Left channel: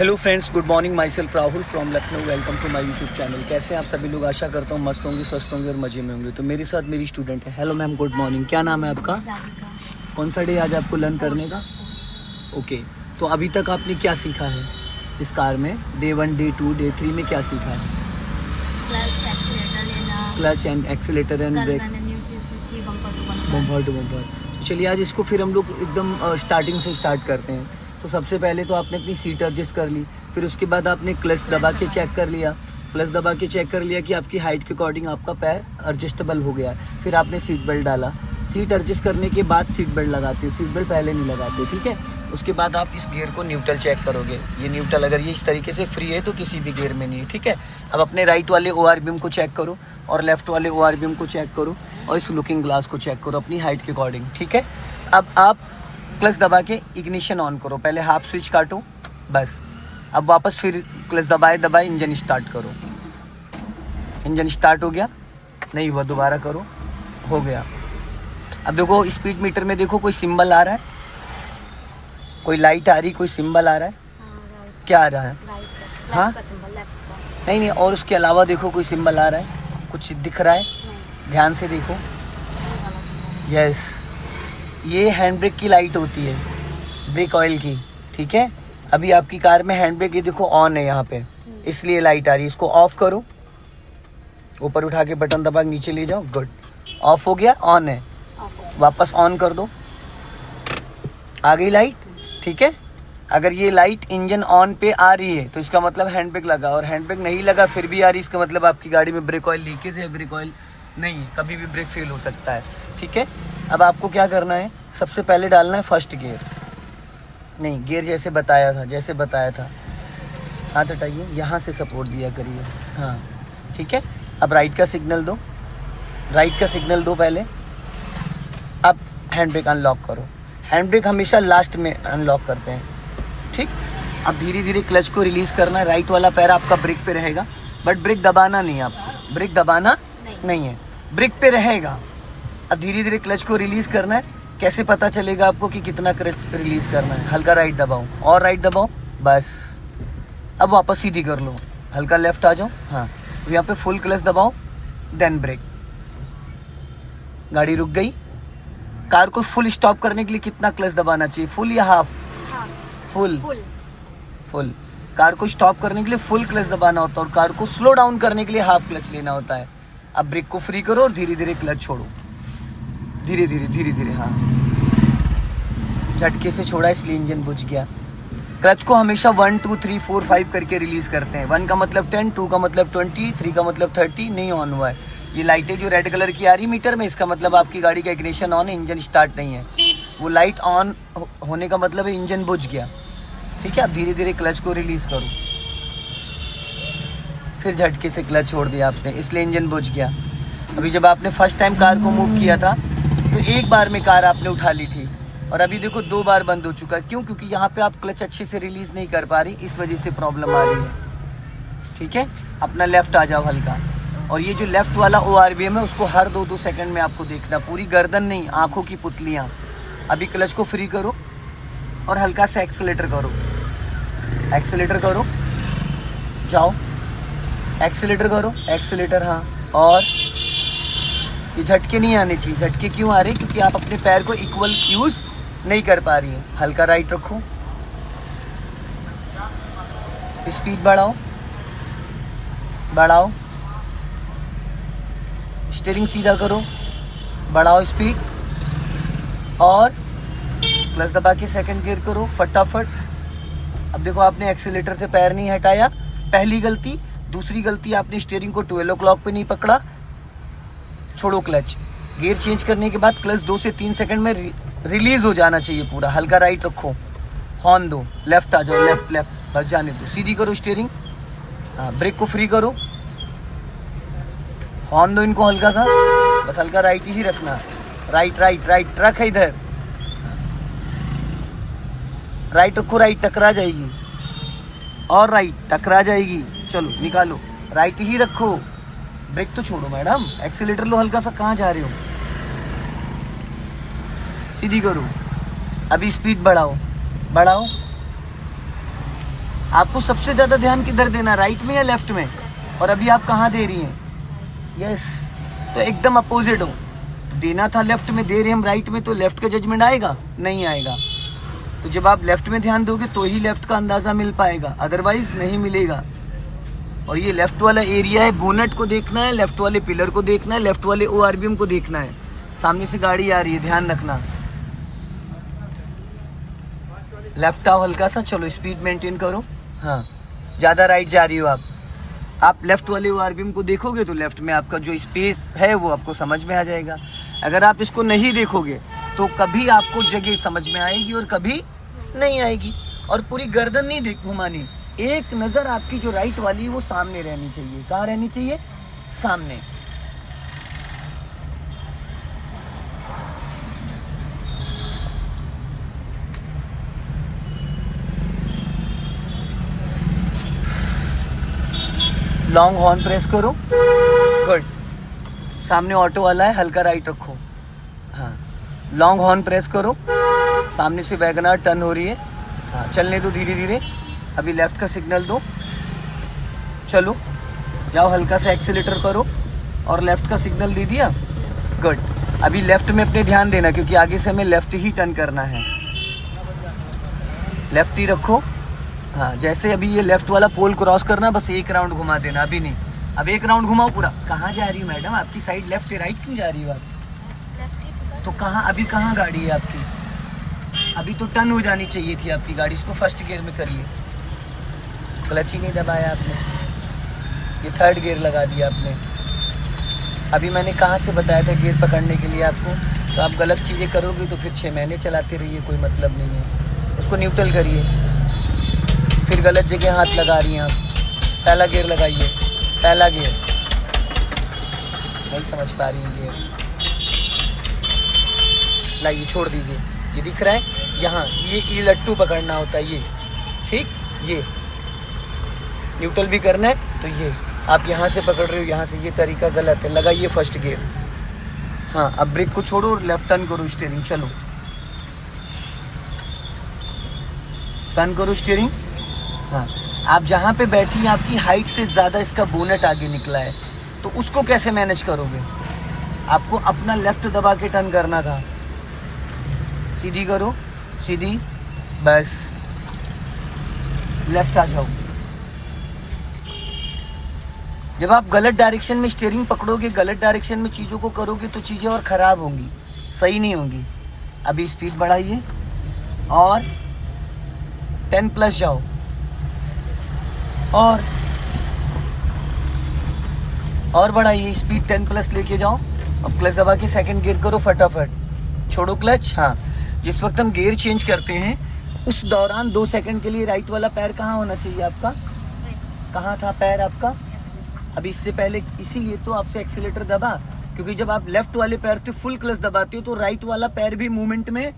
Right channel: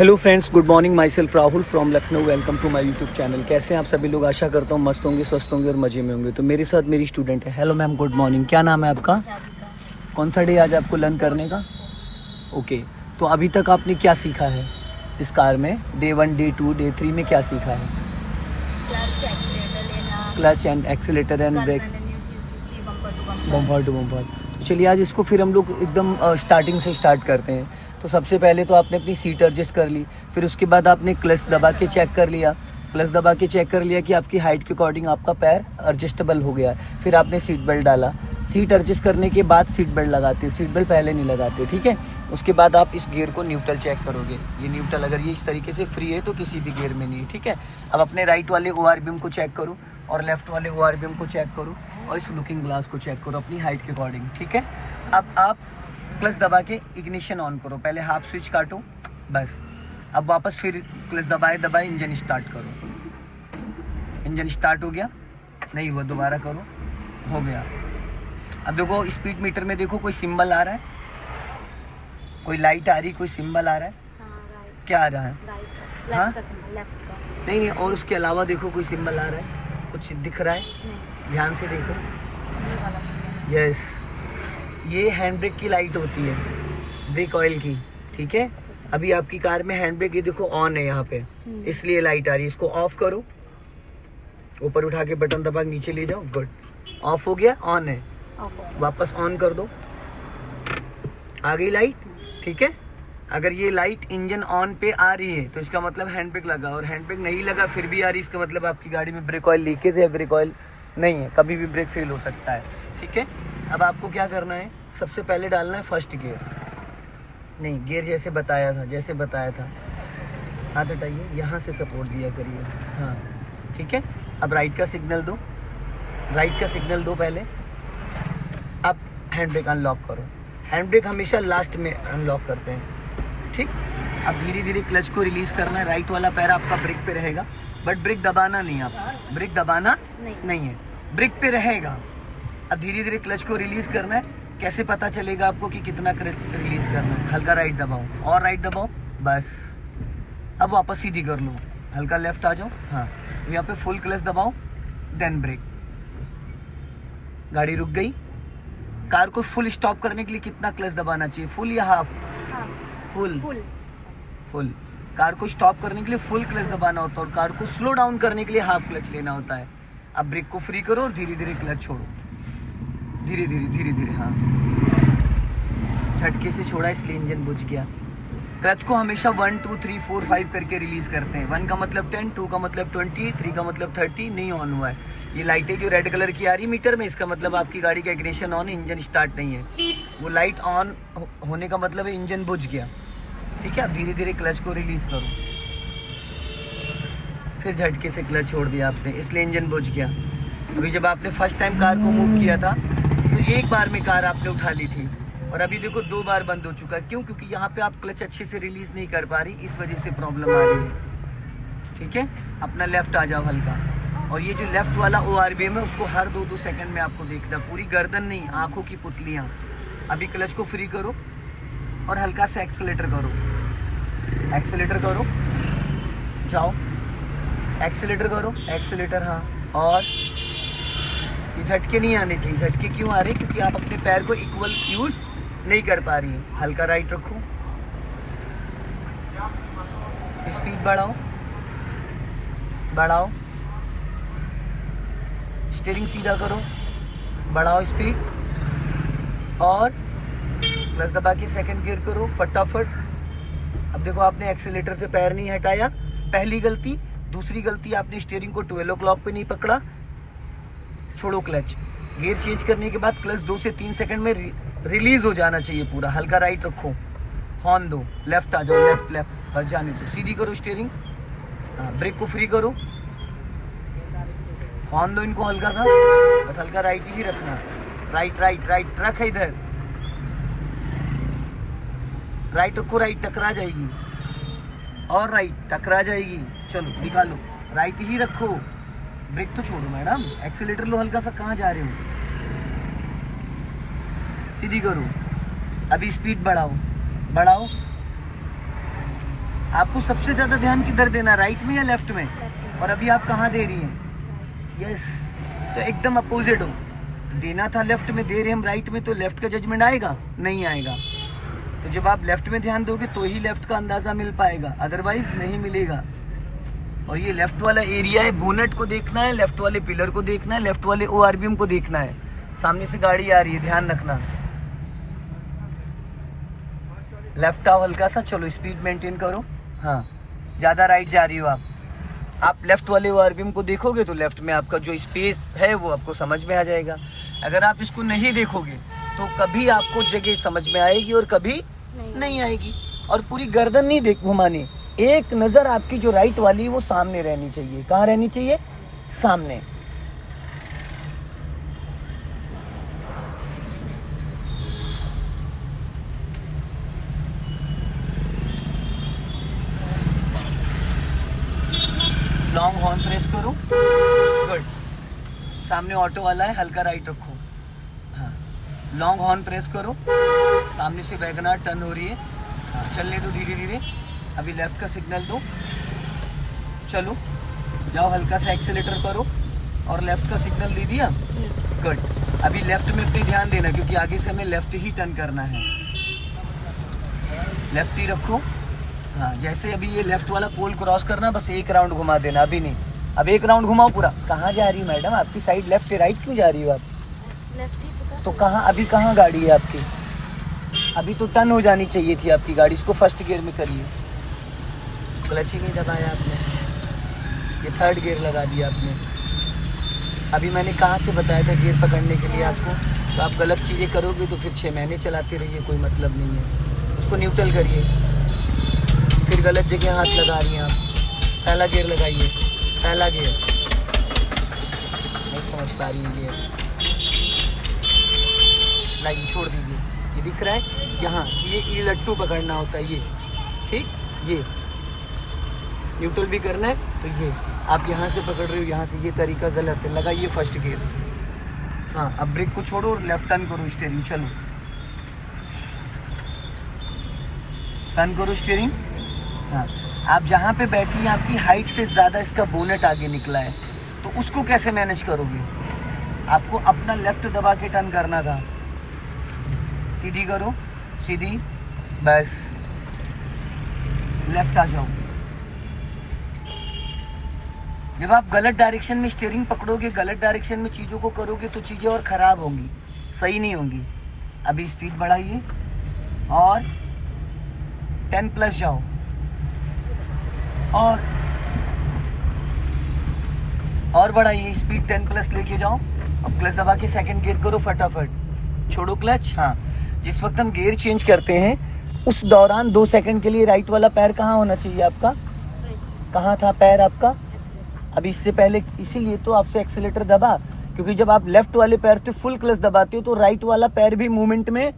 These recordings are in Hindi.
Hello friends, good morning. Myself Rahul from Lucknow. Welcome to my YouTube channel. कैसे हैं आप सभी लोग? आशा करता हूँ मस्त होंगे, स्वस्थ होंगे और मज़े में होंगे। तो मेरे साथ मेरी स्टूडेंट है। Hello ma'am, good morning. क्या नाम है आपका? राधिका। कौन सा डे आज आपको लर्न करने का? ओके, तो अभी तक आपने क्या सीखा है इस कार में? डे 1, डे 2, डे 3 में क्या सीखा है? क्लच एक्सीलेटर लेना। क्लच एंड एक्सीलेटर एंड कल ब्रेक, मैंने न्यू चीज़ सीखी, bumper to bumper to bumper. Bumper. चलिए आज इसको फिर हम लोग एकदम स्टार्टिंग से स्टार्ट करते हैं। तो सबसे पहले तो आपने अपनी सीट एडजस्ट कर ली, फिर उसके बाद आपने क्लच दबा के चेक कर लिया। क्लच दबा के चेक कर लिया कि आपकी हाइट के अकॉर्डिंग आपका पैर एडजस्टेबल हो गया। फिर आपने सीट बेल्ट डाला। सीट एडजस्ट करने के बाद सीट बेल्ट लगाते हैं, सीट बेल्ट पहले नहीं लगाते, ठीक है। उसके बाद आप इस गियर को न्यूट्रल चेक करोगे। ये न्यूट्रल अगर ये इस तरीके से फ्री है तो किसी भी गियर में नहीं है, ठीक है। अब अपने राइट वाले ORBM को चेक करो और लेफ्ट वाले ORBM को चेक करो और इस लुकिंग ग्लास को चेक करो अपनी हाइट के अकॉर्डिंग, ठीक है। अब आप क्लच दबा के इग्निशन ऑन करो। पहले हाफ स्विच काटो, बस। अब वापस फिर क्लच दबाए इंजन स्टार्ट करो। इंजन स्टार्ट हो गया? नहीं हुआ, दोबारा करो, हो गया। अब देखो स्पीड मीटर में देखो कोई सिंबल आ रहा है, कोई लाइट आ रही, कोई सिंबल आ रहा है, क्या आ रहा है? हाँ? नहीं, और उसके अलावा देखो कोई सिंबल आ रहा है, कुछ दिख रहा है? ध्यान से देखो। यस, ये हैंड ब्रेक की लाइट होती है, ब्रेक ऑयल की, ठीक है। अभी आपकी कार में हैंड ब्रेक ये देखो ऑन है यहाँ पे, इसलिए लाइट आ रही है। इसको ऑफ करो, ऊपर उठा के बटन दबा के नीचे ले जाओ, गुड। ऑफ हो गया, ऑन है, वापस ऑन कर दो, आ गई लाइट, ठीक है। अगर ये लाइट इंजन ऑन पे आ रही है तो इसका मतलब हैंड ब्रेक लगा, और हैंड ब्रेक नहीं लगा फिर भी आ रही, इसका मतलब आपकी गाड़ी में ब्रेक ऑयल लीकेज है, ब्रेक ऑयल नहीं है, कभी भी ब्रेक फेल हो सकता है, ठीक है। अब आपको क्या करना है, सबसे पहले डालना है फर्स्ट गियर। नहीं, गियर जैसे बताया था, हाथ हटाइए, यहाँ से सपोर्ट दिया करिए, हाँ, ठीक है। अब राइट का सिग्नल दो, पहले। अब हैंड ब्रेक अनलॉक करो। हैंड ब्रेक हमेशा लास्ट में अनलॉक करते हैं, ठीक। अब धीरे धीरे क्लच को रिलीज़ करना है। राइट वाला पैर आपका ब्रेक पे रहेगा, बट ब्रेक दबाना नहीं है आपको, ब्रेक दबाना नहीं है, ब्रेक पे रहेगा। अब धीरे धीरे क्लच को रिलीज़ करना है। कैसे पता चलेगा आपको कि कितना क्लच रिलीज़ करना है? हल्का राइट दबाओ और राइट दबाओ, बस। अब वापस सीधी कर लो, हल्का लेफ्ट आ जाओ, हाँ। यहाँ पे फुल क्लच दबाओ, देन ब्रेक। गाड़ी रुक गई। कार को फुल स्टॉप करने के लिए कितना क्लच दबाना चाहिए? फुल या हाफ? फुल। कार को स्टॉप करने के लिए फुल क्लच दबाना होता है और कार को स्लो डाउन करने के लिए हाफ क्लच लेना होता है। अब ब्रेक को फ्री करो और धीरे धीरे क्लच छोड़ो, धीरे धीरे, हाँ। झटके से छोड़ा इसलिए इंजन बुझ गया। क्लच को हमेशा 1 2 3 4 5 करके रिलीज करते हैं। 1 का मतलब 10, 2 का मतलब 20, 3 का मतलब 30। नहीं ऑन हुआ है ये लाइटें जो रेड कलर की आ रही मीटर में, इसका मतलब आपकी गाड़ी का इग्निशन ऑन है, इंजन स्टार्ट नहीं है। वो लाइट ऑन होने का मतलब है इंजन बुझ गया, ठीक है। अब धीरे धीरे क्लच को रिलीज करो, फिर झटके से क्लच छोड़ दिया आपने, इसलिए इंजन बुझ गया। अभी जब आपने फर्स्ट टाइम कार को मूव किया था तो एक बार में कार आपने उठा ली थी, और अभी देखो 2 बार बंद हो चुका है। क्यों? क्योंकि यहाँ पे आप क्लच अच्छे से रिलीज नहीं कर पा रही, इस वजह से प्रॉब्लम आ रही है, ठीक है। अपना लेफ्ट आ जाओ हल्का, और ये जो लेफ्ट वाला ORBM है उसको हर 2-2 सेकंड में आपको देखना, पूरी गर्दन नहीं, आंखों की पुतलियाँ। अभी क्लच को फ्री करो और हल्का सा एक्सीलेटर करो, जाओ, एक्सीलेटर करो, एक्सीलेटर, हाँ। और ये झटके नहीं आने चाहिए। झटके क्यों आ रहे? क्योंकि आप अपने पैर को इक्वल यूज़ नहीं कर पा रही है। हल्का राइट रखो, स्पीड बढ़ाओ, स्टीयरिंग सीधा करो, बढ़ाओ स्पीड, और क्लच दबा के सेकंड गियर करो फटाफट। अब देखो आपने एक्सीलेटर से पैर नहीं हटाया, पहली गलती। दूसरी गलती, आपने स्टीयरिंग को 12 o'clock पे नहीं पकड़ा। छोड़ो क्लच। गियर चेंज करने के बाद क्लच 2 से 3 सेकंड में रिलीज हो जाना चाहिए पूरा। हल्का राइट रखो, हॉर्न दो, लेफ्ट आ जाओ, लेफ्ट बस जाने दो, सीधी करो स्टीयरिंग, हाँ। ब्रेक को फ्री करो, हॉर्न दो इनको हल्का सा, बस हल्का राइट ही रखना। राइट रख, इधर राइट रखो, राइट टकरा जाएगी, और राइट टकरा जाएगी। चलो निकालो, राइट ही रखो। ब्रेक तो छोड़ो मैडम, एक्सीलेटर लो हल्का सा, कहाँ जा रहे हो? सीधी करो। अभी स्पीड बढ़ाओ, आपको सबसे ज़्यादा ध्यान किधर देना, राइट में या लेफ्ट में? लेफ्ट और अभी आप कहाँ दे रही हैं? यस, तो एकदम अपोजिट हो। देना था लेफ्ट में, दे रहे हम राइट में, तो लेफ्ट का जजमेंट आएगा? नहीं आएगा। तो जब आप लेफ्ट में ध्यान दोगे तो ही लेफ्ट का अंदाज़ा मिल पाएगा, अदरवाइज नहीं मिलेगा। और ये लेफ्ट वाला एरिया है, बोनेट को देखना है, लेफ्ट वाले पिलर को देखना है, लेफ्ट वाले ORBM को देखना है। सामने से गाड़ी आ रही है, ध्यान रखना। लेफ्ट आओ हल्का सा, चलो स्पीड मेंटेन करो। हाँ, ज़्यादा राइट जा रही हो आप लेफ्ट वाले ORBM को देखोगे तो लेफ्ट में आपका जो स्पेस है वो आपको समझ में आ जाएगा। अगर आप इसको नहीं देखोगे तो कभी आपको जगह समझ में आएगी और कभी नहीं आएगी। और पूरी गर्दन नहीं देख घुमानी, एक नज़र आपकी जो राइट वाली है वो सामने रहनी चाहिए। कहाँ रहनी चाहिए? सामने। लॉन्ग हॉर्न प्रेस करो, गुड। सामने ऑटो वाला है, हल्का राइट रखो। हाँ, लॉन्ग हॉर्न प्रेस करो, सामने से वैगनआर टर्न हो रही है। हाँ, चलने दो धीरे धीरे। अभी लेफ्ट का सिग्नल दो, चलो जाओ, हल्का सा एक्सीलेटर करो और लेफ्ट का सिग्नल दे दिया, गुड। अभी लेफ्ट में अपने ध्यान देना क्योंकि आगे से हमें लेफ्ट ही टर्न करना है, लेफ्ट ही रखो। हाँ, जैसे अभी ये लेफ्ट वाला पोल क्रॉस करना, बस एक राउंड घुमा देना, अभी नहीं, अब एक राउंड घुमाओ पूरा। कहाँ जा रही हो मैडम? आपकी साइड लेफ्ट राइट क्यों जा रही हो आप? तो कहाँ, अभी कहाँ गाड़ी है आपकी? अभी तो टर्न हो जानी चाहिए थी आपकी गाड़ी। इसको फर्स्ट गियर में करिए, क्लच ही नहीं दबाया आपने, ये थर्ड गियर लगा दिया आपने। अभी मैंने कहाँ से बताया था गियर पकड़ने के लिए आपको? तो आप गलत चीज़ें करोगे तो फिर 6 महीने चलाते रहिए, कोई मतलब नहीं है। उसको न्यूट्रल करिए, फिर गलत जगह हाथ लगा रही हैं आप। पहला गियर लगाइए, पहला गियर नहीं समझ पा रही है गियर, लाइए छोड़ दीजिए। ये दिख रहा है यहाँ, ये लट्टू पकड़ना होता है, ये ठीक, ये न्यूट्रल भी करना है। तो ये आप यहाँ से पकड़ रहे हो, यहाँ से, ये तरीका गलत है। लगाइए फर्स्ट गियर। हाँ, अब ब्रेक को छोड़ो और लेफ्ट टर्न करो स्टीयरिंग, चलो टर्न करो स्टीयरिंग। हाँ, आप जहाँ पे बैठी हैं आपकी हाइट से ज़्यादा इसका बोनेट आगे निकला है, तो उसको कैसे मैनेज करोगे? आपको अपना लेफ्ट दबा के टर्न करना था। सीधी करो, सीधी, बस लेफ्ट आ जाओ। जब आप गलत डायरेक्शन में स्टीयरिंग पकड़ोगे, गलत डायरेक्शन में चीज़ों को करोगे तो चीज़ें और ख़राब होंगी, सही नहीं होंगी। अभी स्पीड बढ़ाइए और 10+ जाओ, और बढ़ाइए स्पीड, 10+ लेके जाओ। अब क्लच दबा के सेकंड गियर करो फटाफट, छोड़ो क्लच। हाँ, जिस वक्त हम गियर चेंज करते हैं उस दौरान 2 सेकंड के लिए राइट वाला पैर कहाँ होना चाहिए आपका? कहाँ था पैर आपका? अभी इससे पहले, इसीलिए तो आपसे एक्सीलेटर दबा, क्योंकि जब आप लेफ्ट वाले पैर से फुल क्लच दबाते हो तो राइट वाला पैर भी मूवमेंट में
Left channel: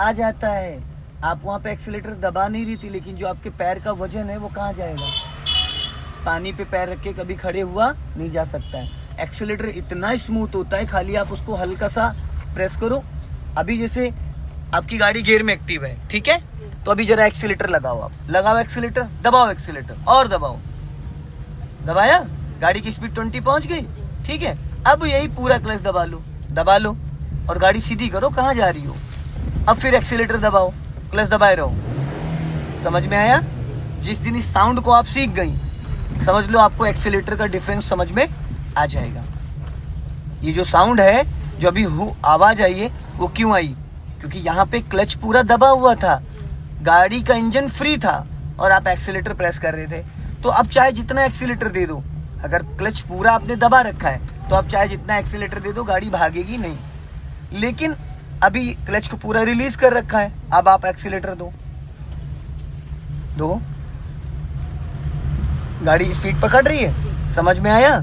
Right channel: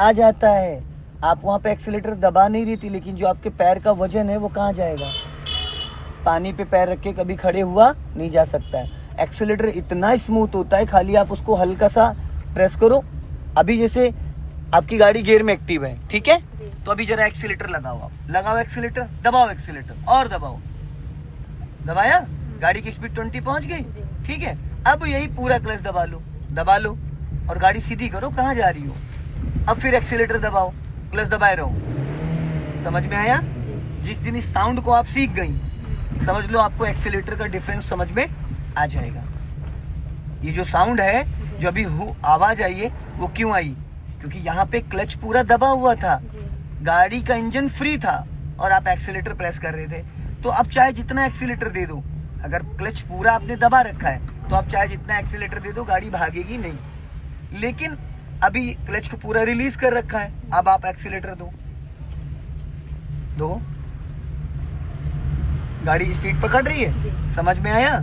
आ जाता है। आप वहाँ पे एक्सीलेटर दबा नहीं रही थी, लेकिन जो आपके पैर का वजन है वो कहाँ जाएगा? पानी पे पैर रख के कभी खड़े हुआ नहीं जा सकता है। एक्सीलेटर इतना स्मूथ होता है, खाली आप उसको हल्का सा प्रेस करो। अभी जैसे आपकी गाड़ी गियर में एक्टिव है, ठीक है, तो अभी जरा एक्सीलेटर लगाओ, आप लगाओ एक्सीलेटर, दबाओ एक्सीलेटर और दबाओ, दबाया, गाड़ी की स्पीड 20 पहुंच गई, ठीक है। अब यही पूरा क्लच दबा लो और गाड़ी सीधी करो, कहाँ जा रही हो। अब फिर एक्सीलेटर दबाओ, क्लच दबाए रहो। समझ में आया? जिस दिन इस साउंड को आप सीख गई, समझ लो आपको एक्सीलेटर का डिफरेंस समझ में आ जाएगा। ये जो साउंड है, जो अभी आवाज़ आई है, वो क्यों आई? क्योंकि यहाँ पे क्लच पूरा दबा हुआ था, गाड़ी का इंजन फ्री था और आप एक्सीलेटर प्रेस कर रहे थे। तो अब चाहे जितना एक्सीलेटर दे दो, अगर क्लच पूरा आपने दबा रखा है तो आप चाहे जितना एक्सीलेटर दे दो, गाड़ी भागेगी नहीं। लेकिन अभी क्लच को पूरा रिलीज कर रखा है, अब आप एक्सीलेटर दो, गाड़ी स्पीड पकड़ रही है। समझ में आया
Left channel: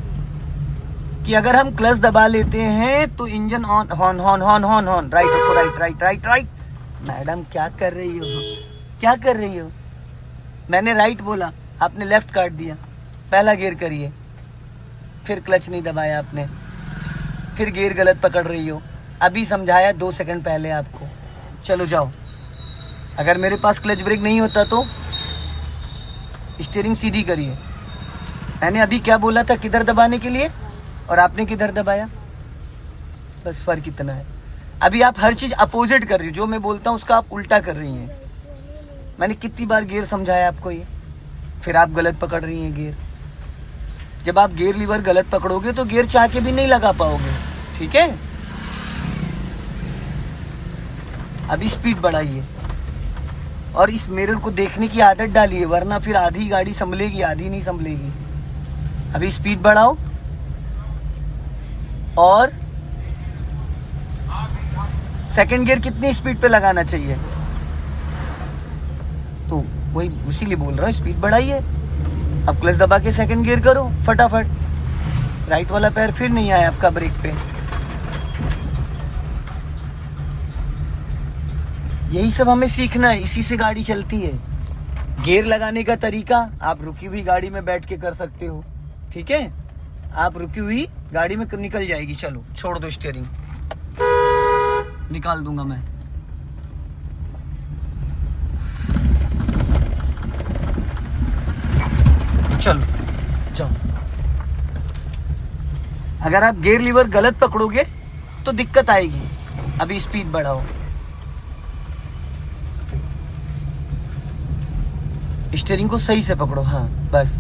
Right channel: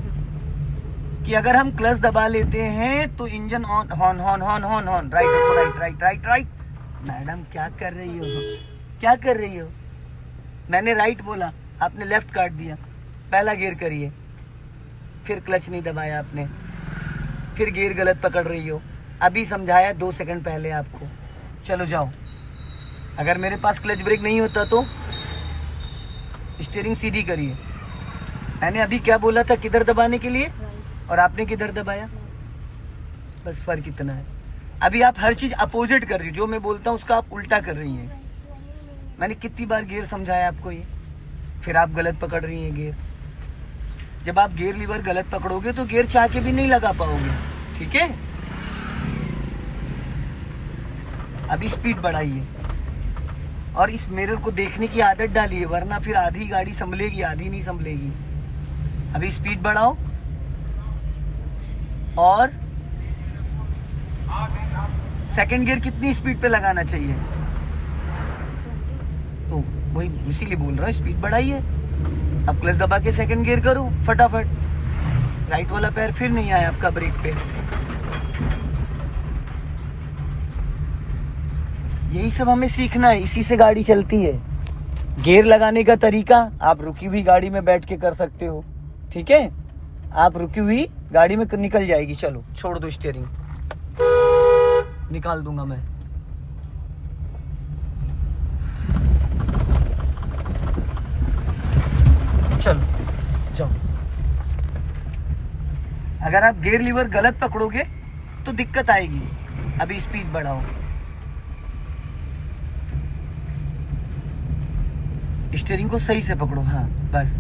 कि अगर हम क्लच दबा लेते हैं तो engine on, horn horn horn horn horn, right रखो, right right right right. Madam क्या कर रही हो, क्या कर रही हो? मैंने राइट बोला, आपने लेफ्ट काट दिया। पहला गियर करिए, फिर क्लच नहीं दबाया आपने, फिर गियर गलत पकड़ रही हो। अभी समझाया 2 सेकंड पहले आपको, चलो जाओ। अगर मेरे पास क्लच ब्रेक नहीं होता तो स्टीयरिंग सीधी करिए। मैंने अभी क्या बोला था किधर दबाने के लिए और आपने किधर दबाया, बस फर्क इतना है। अभी आप हर चीज़ अपोजिट कर रही हो, जो मैं बोलता हूँ उसका आप उल्टा कर रही हैं। मैंने कितनी बार गियर समझाया आपको ये, फिर आप गलत पकड़ रही हैं गियर। जब आप गियर लीवर गलत पकड़ोगे तो गियर चाह के भी नहीं लगा पाओगे, ठीक है। अभी स्पीड बढ़ाइए और इस मिरर को देखने की आदत डालिए, वरना फिर आधी गाड़ी संभलेगी, आधी नहीं संभलेगी। अभी स्पीड बढ़ाओ और सेकंड गियर कितनी स्पीड पे लगाना चाहिए, तो वही इसीलिए बोल रहा हूँ स्पीड बढ़ाइए। अब क्लच दबा के सेकंड गियर करो फटाफट। राइट वाला पैर फिर नहीं आया आपका ब्रेक पे। यही सब हमें सीखना है, इसी से गाड़ी चलती है। गियर लगाने का तरीका आप रुकी हुई गाड़ी में बैठ के कर सकते हो, ठीक है। आप रुकी हुई गाड़ी में निकल जाएगी। चलो छोड़ दो स्टीयरिंग, निकाल दूंगा मैं। चलो जाओ। अगर आप गियर लीवर गलत पकड़ोगे तो दिक्कत आएगी। अभी स्पीड बढ़ाओ, स्टीयरिंग को सही से पकड़ो, हाँ बस।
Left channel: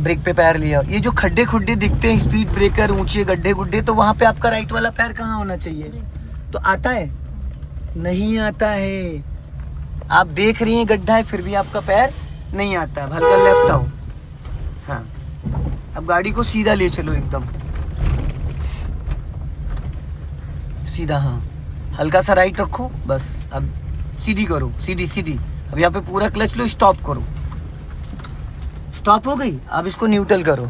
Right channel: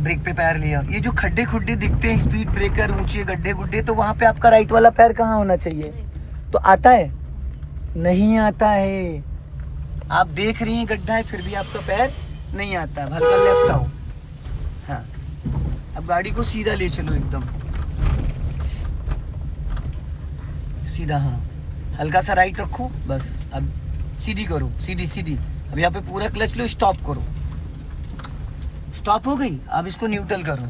ब्रेक पे पैर लिया। ये जो खड्डे खुड्डे दिखते हैं, स्पीड ब्रेकर, ऊंचे गड्ढे गुड्ढे, तो वहां पे आपका राइट वाला पैर कहाँ होना चाहिए, तो आता है नहीं आता है। आप देख रही हैं गड्ढा है फिर भी आपका पैर नहीं आता है। हल्का लेफ्ट आओ, हाँ। अब गाड़ी को सीधा ले चलो, एकदम सीधा, हाँ। हल्का सा राइट रखो बस। अब सीधी करो, सीधी सीधी। अब यहाँ पे पूरा क्लच लो, स्टॉप करो। स्टॉप हो गई, अब इसको न्यूट्रल करो,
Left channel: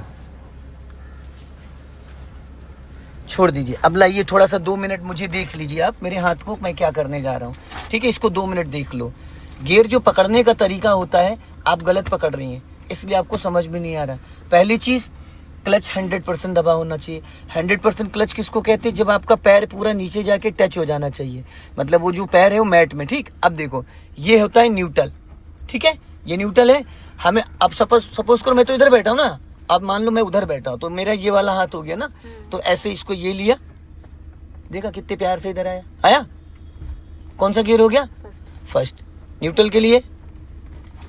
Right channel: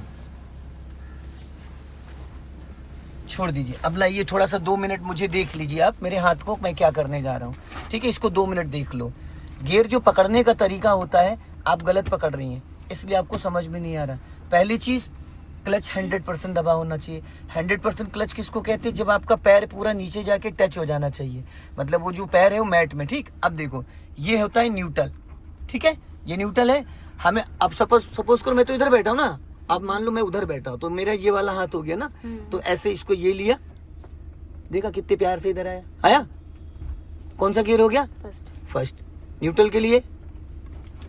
छोड़ दीजिए। अब लाइए थोड़ा सा 2 मिनट मुझे देख लीजिए आप मेरे हाथ को, मैं क्या करने जा रहा हूँ, ठीक है। इसको 2 मिनट देख लो। गियर जो पकड़ने का तरीका होता है आप गलत पकड़ रही हैं, इसलिए आपको समझ में नहीं आ रहा। पहली चीज़, क्लच 100% दबा होना चाहिए। 100% क्लच किसको कहते हैं, जब आपका पैर पूरा नीचे जाके टच हो जाना चाहिए, मतलब वो जो पैर है वो मैट में, ठीक। अब देखो ये होता है न्यूट्रल, ठीक है, ये न्यूट्रल है। हमें अब सपोज करो मैं तो इधर बैठा हूँ ना, अब मान लो मैं उधर बैठा हूँ, तो मेरा ये वाला हाथ हो गया ना, तो ऐसे इसको ये लिया, देखा कितने प्यार से इधर आया, आया। कौन सा गियर हो गया, फर्स्ट। न्यूट्रल के लिए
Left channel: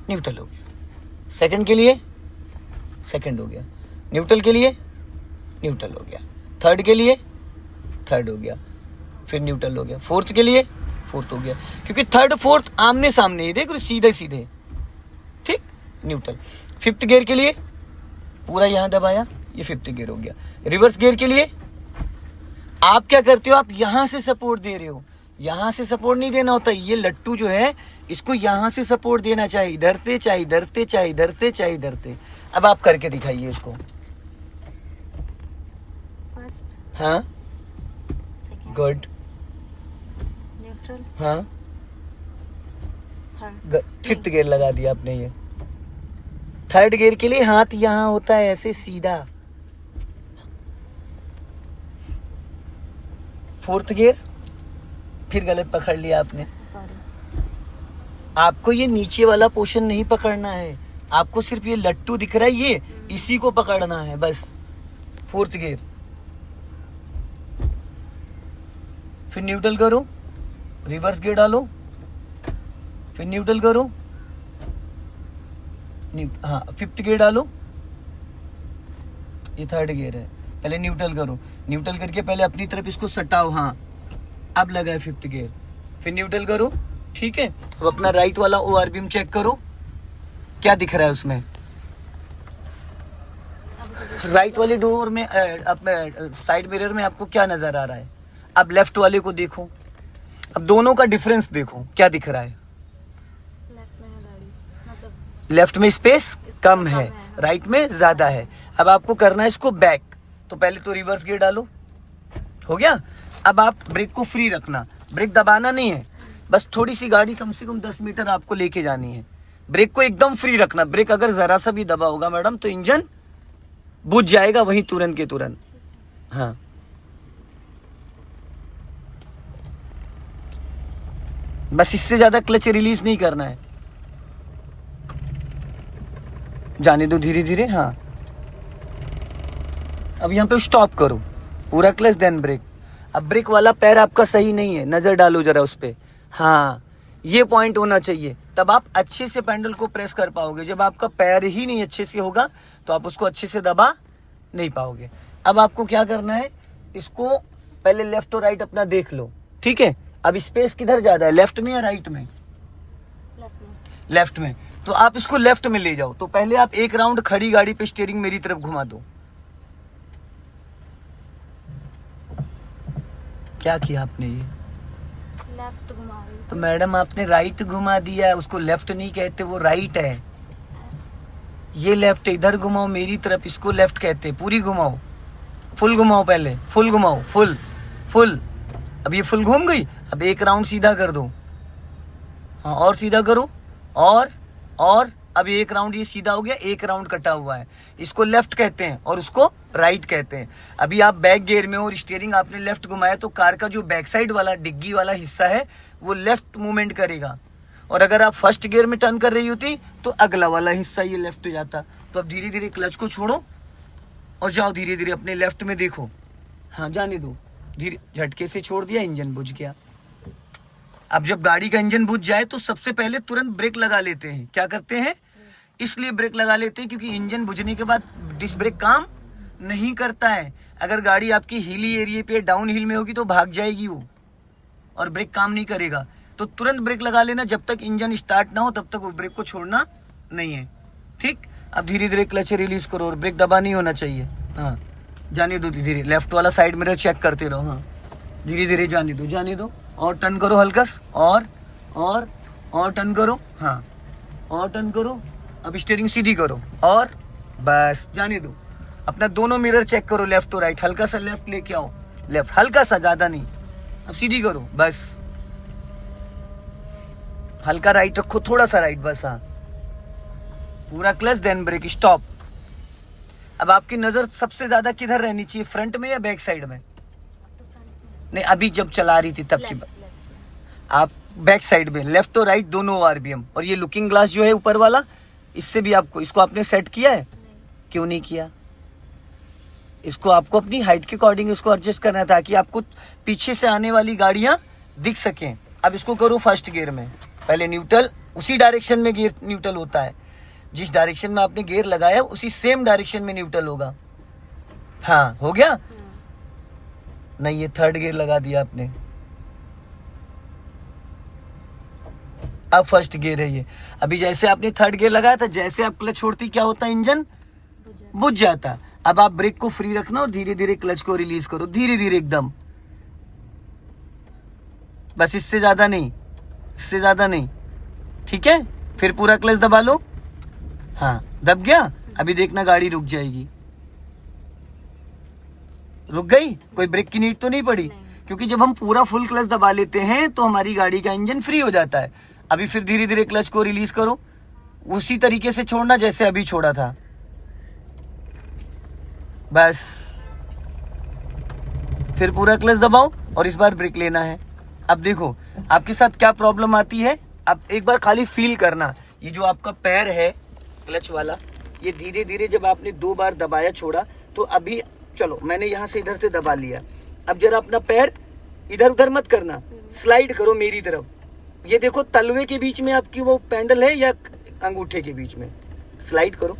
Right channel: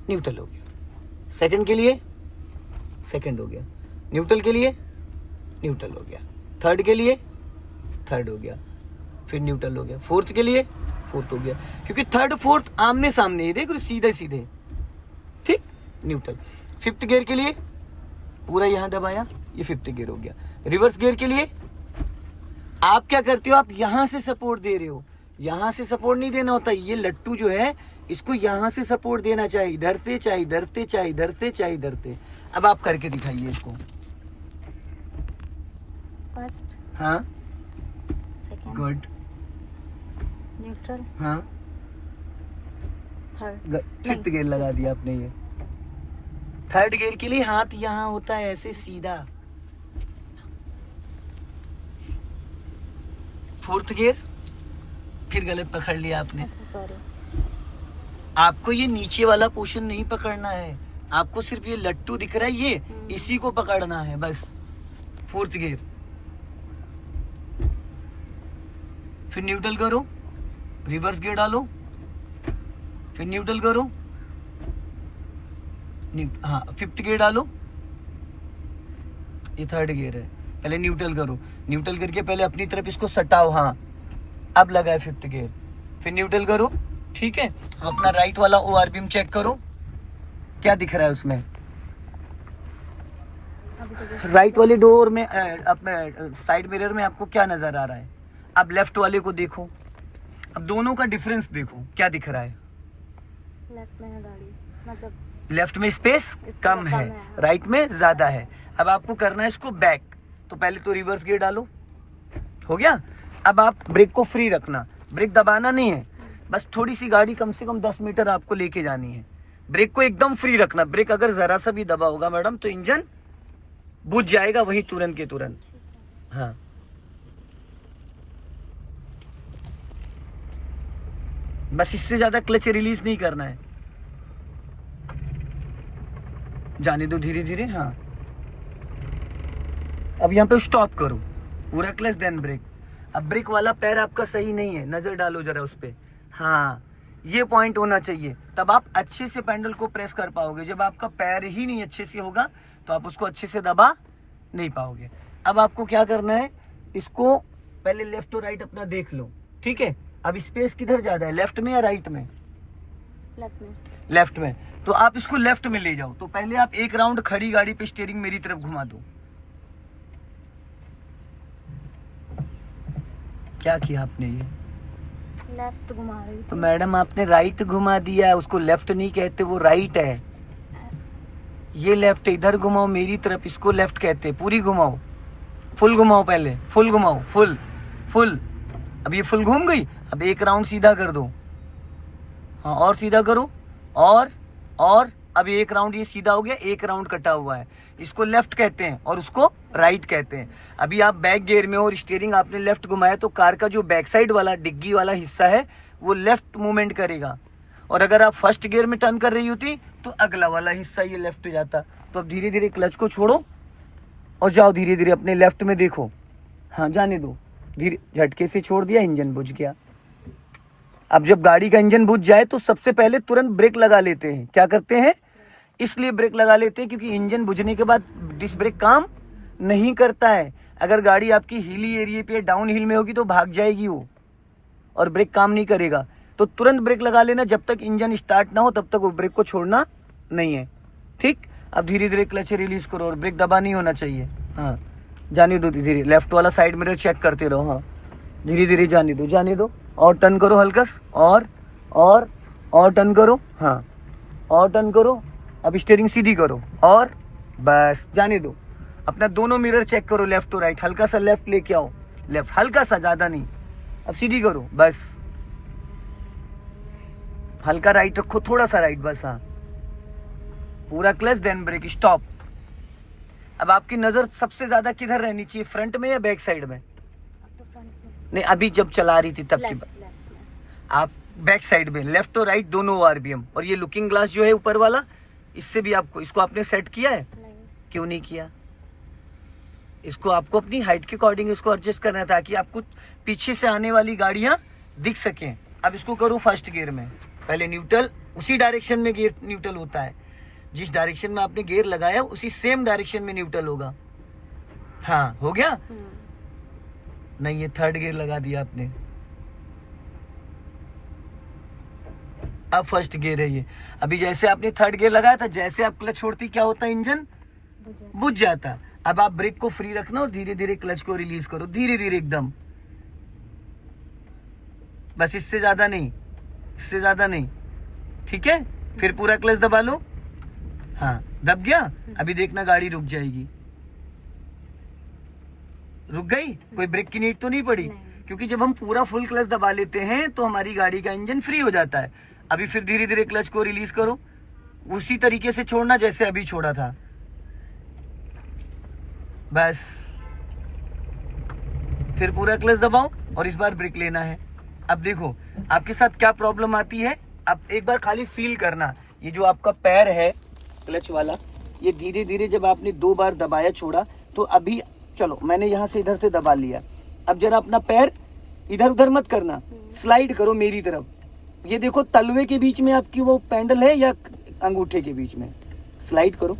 न्यूट्रल हो गया, सेकंड के लिए सेकंड हो गया, न्यूट्रल के लिए न्यूट्रल हो गया, थर्ड के लिए थर्ड हो गया, फिर न्यूट्रल हो गया, फोर्थ के लिए फोर्थ हो गया। क्योंकि थर्ड फोर्थ आमने सामने ही, देख रहे सीधे सीधे, ठीक, न्यूट्रल। फिफ्थ गियर के लिए पूरा यहाँ दबाया, ये फिफ्थ गियर हो गया। रिवर्स गियर के लिए आप क्या करते हो, आप यहाँ से सपोर्ट दे रहे हो, यहाँ से सपोर्ट नहीं देना होता। ये लट्टू जो है इसको यहाँ से सपोर्ट देना, चाहे इधर से, चाहे इधर से, चाहे इधर से, चाहे इधर से। अब आप करके दिखाइए इसको। फर्स्ट, हाँ सेकंड, गुड, न्यूट्रल, हाँ थर्ड। फिफ्थ गियर लगा दिया आपने। ये थर्ड गियर के लिए हाथ यहाँ होता है ऐसे सीधा। फोर्थ गियर फिर गलत पकड़ लिया आपने। सॉरी, आपको ये नीचे वाला पोर्शन नहीं पकड़ना है, आपको सिर्फ ये लट्टू दिख रहा है, ये इसी को पकड़ना है बस। फोर्थ गियर, फिर न्यूट्रल करो, रिवर्स गियर डालो, फिर न्यूट्रल करो, हाँ फिफ्थ गियर डालो, ये थर्ड गियर है। पहले न्यूट्रल करो, न्यूट्रल करके पहले अपनी तरफ इसको सटाओ, हाँ अब लगा है फिफ्थ गियर, फिर न्यूट्रल करो, ठीक है। अब अपना राइट वाला ORBM चेक करो, क्या दिख रहा है उसमें। राइट वाले डोर में साइड मिरर में आपको क्या नजर आ रहा है। अब लेफ्ट वाले को देखो, अब दोनों का डिफरेंस देखो, क्या दिख रहा है। लेफ्ट में है गाड़ी, मतलब लेफ्ट में स्पेस कम है, राइट में ज्यादा है। अब आपको करना है इसको बैक, तो पहले तो रिवर्स गियर डालो, हो गया। अब आप ब्रेक को फ्री रखना, ब्रेक दबाना नहीं है, बस थोड़ी सी गाड़ी कम से कम 10 मीटर आपको लेके जानी है। ब्रेक को एकदम फ्री रखना, ब्रेक अगर जरा सा भी दबा होगा मैडम तो इंजन बुझ जाएगा वहीं तुरंत के तुरंत। हाँ बस इससे ज्यादा क्लच रिलीज नहीं करना है। जाने दो धीरे धीरे। हाँ, अब यहाँ पे स्टॉप करो, पूरा क्लच देन ब्रेक। अब ब्रेक वाला पैर आपका सही नहीं है, नजर डालो जरा उस पे। हाँ, ये पॉइंट होना चाहिए, तब आप अच्छे से पैडल को प्रेस कर पाओगे। जब आपका पैर ही नहीं अच्छे से होगा तो आप उसको अच्छे से दबा नहीं पाओगे। अब आपको क्या करना है, इसको पहले लेफ्ट और राइट अपना देख लो, ठीक है। अब स्पेस किधर ज्यादा है, लेफ्ट में या राइट में? लेफ्ट में। लेफ्ट में, तो आप इसको लेफ्ट में ले जाओ। तो पहले आप एक राउंड खड़ी गाड़ी पे स्टीयरिंग मेरी तरफ घुमा दो। क्या किया आपने ये? लेफ्ट घुमा रही तो मैडम आपने राइट घुमा दिया है, उसको लेफ्ट नहीं कहते, वो राइट है। ये लेफ्ट है, इधर घुमाओ मेरी तरफ, इसको लेफ्ट कहते हैं। पूरी घुमाओ, फुल घुमाओ, पहले फुल घुमाओ, फुल फुल। अब ये फुल घूम गई, अब एक राउंड सीधा कर दो। हाँ, और सीधा करो, और अब एक राउंड ये सीधा हो गया, एक राउंड कटा हुआ है। इसको लेफ्ट कहते हैं और उसको राइट कहते हैं। अभी आप बैक गियर में और स्टीयरिंग आपने लेफ्ट घुमाया तो कार का जो बैक साइड वाला डिग्गी वाला हिस्सा है वो लेफ्ट मूवमेंट करेगा, और अगर आप फर्स्ट गियर में टर्न कर रही होती तो अगला वाला हिस्सा ये लेफ्ट हो जाता। तो अब धीरे धीरे क्लच को छोड़ो और जाओ धीरे धीरे अपने लेफ्ट में देखो। हाँ, जाने दो, धीरे, झटके से छोड़ दिया, इंजन बुझ गया। अब जब गाड़ी का इंजन बुझ जाए तो सबसे पहले तुरंत ब्रेक लगा लेते हैं। क्या करते हैं? इसलिए ब्रेक लगा लेते हैं क्योंकि इंजन बुझने के बाद डिस्क ब्रेक काम नहीं करता है। अगर गाड़ी आपकी हिली एरिया पे डाउन हिल में होगी तो भाग जाएगी वो, और ब्रेक काम नहीं करेगा। तो तुरंत ब्रेक लगा लेना, जब तक इंजन स्टार्ट ना हो तब तक वो ब्रेक को छोड़ना नहीं है, ठीक। अब धीरे धीरे क्लच रिलीज करो और ब्रेक दबा नहीं होना चाहिए। हाँ, जाने दो धीरे धीरे, लेफ्ट वाला साइड मिरर चेक करते रहो। हाँ, धीरे धीरे जाने दो, जाने दो, और टर्न करो हल्का, और टर्न करो। हाँ, और टर्न करो। अब स्टीयरिंग सीधी करो और बस जाने दो। अपना दोनों मिरर चेक करो, लेफ्ट और राइट। हल्का सा लेफ्ट लेके आओ, लेफ्ट हल्का सा, ज्यादा नहीं। अब सीधी करो, बस हल्का राइट रखो, थोड़ा सा राइट, बस। हाँ, पूरा क्लच देन ब्रेक, स्टॉप। अब आपकी नजर सबसे ज्यादा किधर रहनी चाहिए, फ्रंट में या बैक साइड में? तो फ्रंट में। नहीं, अभी जब चला रही थी तब की बात। आप बैक साइड में लेफ्ट और राइट दोनों आरबीएम। और ये लुकिंग ग्लास जो है ऊपर वाला, इससे भी आपको, इसको आपने सेट किया है? नहीं। क्यों नहीं किया? इसको आपको अपनी हाइट के अकॉर्डिंग इसको एडजस्ट करना था ताकि आपको पीछे से आने वाली गाड़ियां दिख सकें। अब इसको करो फर्स्ट गियर में, पहले न्यूट्रल, उसी डायरेक्शन में गियर न्यूट्रल होता है। जिस डायरेक्शन में आपने गियर लगाया उसी सेम डायरेक्शन में न्यूट्रल होगा। हाँ, हो गया? नहीं, ये थर्ड गियर लगा दिया आपने, अब फर्स्ट गियर है ये। अभी जैसे आपने थर्ड गियर लगाया था, जैसे आप क्लच छोड़ती क्या होता है, इंजन बुझ जाता। अब आप ब्रेक को फ्री रखना और धीरे धीरे क्लच को रिलीज करो, धीरे धीरे एकदम, बस, इससे ज्यादा नहीं, इससे ज्यादा नहीं, ठीक है। फिर पूरा क्लच दबा लो। हाँ, दब गया। अभी देखना गाड़ी रुक जाएगी। रुक गई, कोई ब्रेक की नीड तो नहीं पड़ी, क्योंकि जब हम पूरा फुल क्लच दबा लेते हैं तो हमारी गाड़ी का इंजन फ्री हो जाता है। अभी फिर धीरे धीरे क्लच को रिलीज करो, उसी तरीके से छोड़ना जैसे अभी छोड़ा था, बस। फिर पूरा क्लच दबाओ और इस बार ब्रेक लेना है। अब देखो आपके साथ क्या प्रॉब्लम आती है। अब एक बार खाली फील करना, ये जो आपका पैर है क्लच वाला, ये धीरे धीरे जब आपने 2 बार दबाया छोड़ा, तो अभी चलो मैंने यहाँ से इधर से दबा लिया। अब जरा अपना पैर इधर उधर मत करना, स्लाइड करो मेरी तरफ। ये देखो तलवे के बीच में आपकी वो पैडल है या अंगूठे के बीच में, स्लाइड करो,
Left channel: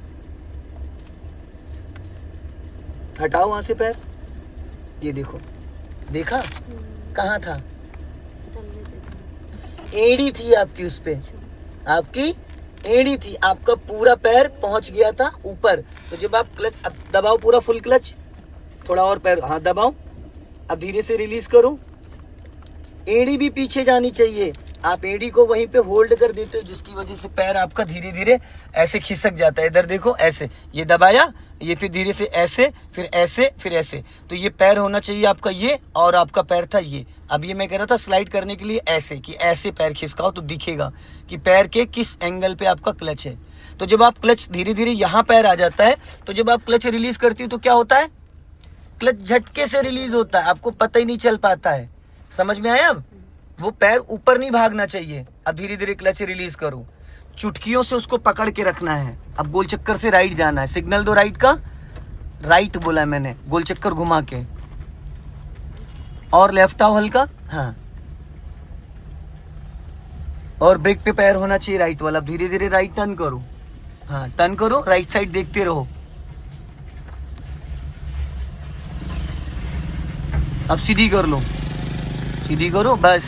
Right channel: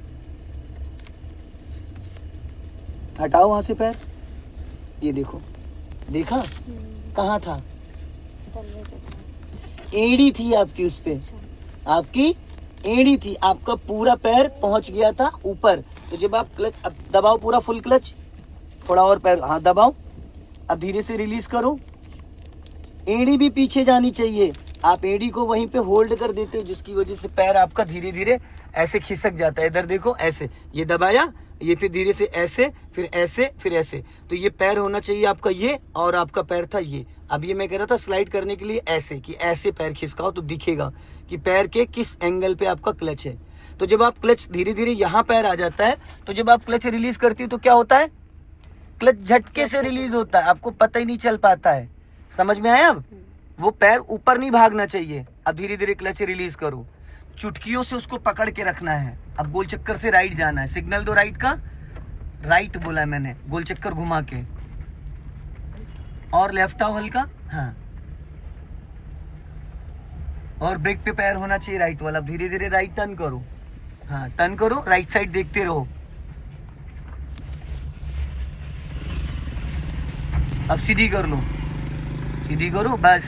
हटाओ वहां से पैर। ये देखो, देखा कहाँ था, एड़ी थी आपकी, उस पे आपकी एड़ी थी, आपका पूरा पैर पहुंच गया था ऊपर। तो जब आप क्लच दबाओ, पूरा फुल क्लच, थोड़ा और पैर, हाँ दबाओ। अब धीरे से रिलीज करो, एड़ी भी पीछे जानी चाहिए। आप एड़ी को वहीं पे होल्ड कर देते हो, जिसकी वजह से पैर आपका धीरे धीरे ऐसे खिसक जाता है। इधर देखो, ऐसे ये दबाया, ये फिर धीरे से ऐसे, फिर ऐसे, फिर ऐसे। तो ये पैर होना चाहिए आपका ये, और आपका पैर था ये। अब ये मैं कह रहा था स्लाइड करने के लिए ऐसे, कि ऐसे पैर खिसकाओ तो दिखेगा कि पैर के किस एंगल पे आपका क्लच है। तो जब आप क्लच धीरे धीरे यहाँ पैर आ जाता है, तो जब आप क्लच रिलीज करती हो तो क्या होता है, क्लच झटके से रिलीज होता है, आपको पता ही नहीं चल पाता है। समझ में आया? अब वो पैर ऊपर नहीं भागना चाहिए। अब धीरे धीरे क्लच रिलीज करो, चुटकियों से उसको पकड़ के रखना है। अब गोल चक्कर से राइट जाना है, सिग्नल दो राइट का, राइट बोला मैंने, गोल चक्कर घुमा के, और लेफ्ट आओ हल्का, हाँ, और ब्रेक पे पैर होना चाहिए राइट वाला। अब धीरे धीरे राइट टर्न करो, हाँ टर्न करो, राइट साइड देखते रहो। अब सीधी कर लो, सीधी करो, बस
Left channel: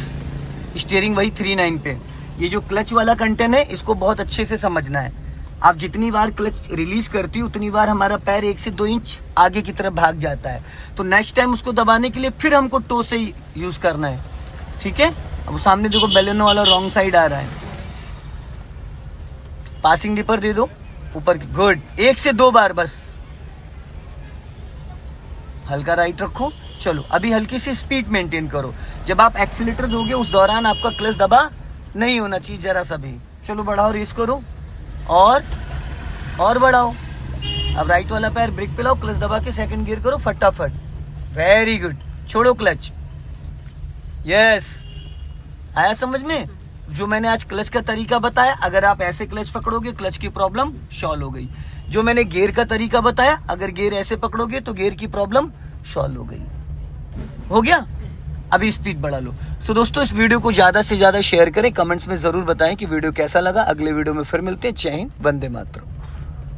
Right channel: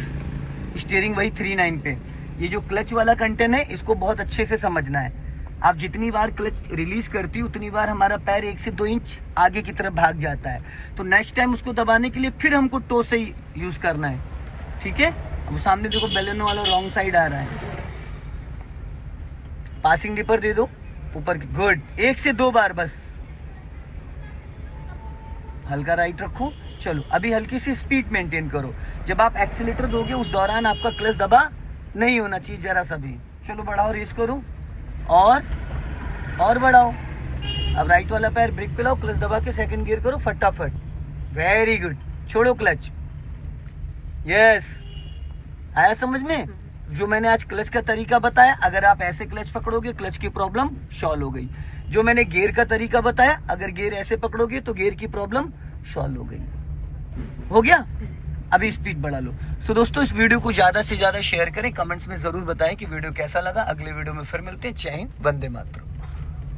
स्टीयरिंग वही 3/9 पे। ये जो क्लच वाला कंटेंट है इसको बहुत अच्छे से समझना है। आप जितनी बार क्लच रिलीज करती हो उतनी बार हमारा पैर 1 से 2 इंच आगे की तरफ भाग जाता है। तो नेक्स्ट टाइम उसको दबाने के लिए फिर हमको टो से ही यूज करना है, ठीक है। अब सामने देखो बैलेनो वाला रॉन्ग साइड आ रहा है, पासिंग डिपर दे दो ऊपर की, गुड, 1 से 2 बार बस, हल्का राइट रखो। चलो अभी हल्की सी स्पीड मेंटेन करो। जब आप एक्सीलेटर दोगे उस दौरान आपका क्लच दबा नहीं होना चाहिए जरा सा भी। चलो बढ़ाओ, रेस करो, और बढ़ाओ। अब राइट वाला पैर ब्रेक पे लाओ, क्लच दबा के सेकंड गियर करो फटाफट, वेरी गुड, छोड़ो क्लच, यस। आया समझ में जो मैंने आज क्लच का तरीका बताया? अगर आप ऐसे क्लच पकड़ोगे क्लच की प्रॉब्लम सॉल्व हो गई। जो मैंने गियर का तरीका बताया, अगर गियर ऐसे पकड़ोगे तो गियर की प्रॉब्लम सॉल्व हो गई। हो गया? अभी स्पीड बढ़ा लो। सो दोस्तों इस वीडियो को ज्यादा से ज्यादा शेयर करें, कमेंट्स में जरूर बताएं कि वीडियो कैसा लगा। अगले वीडियो में फिर मिलते हैं। जय हिंद, वंदे मातरम।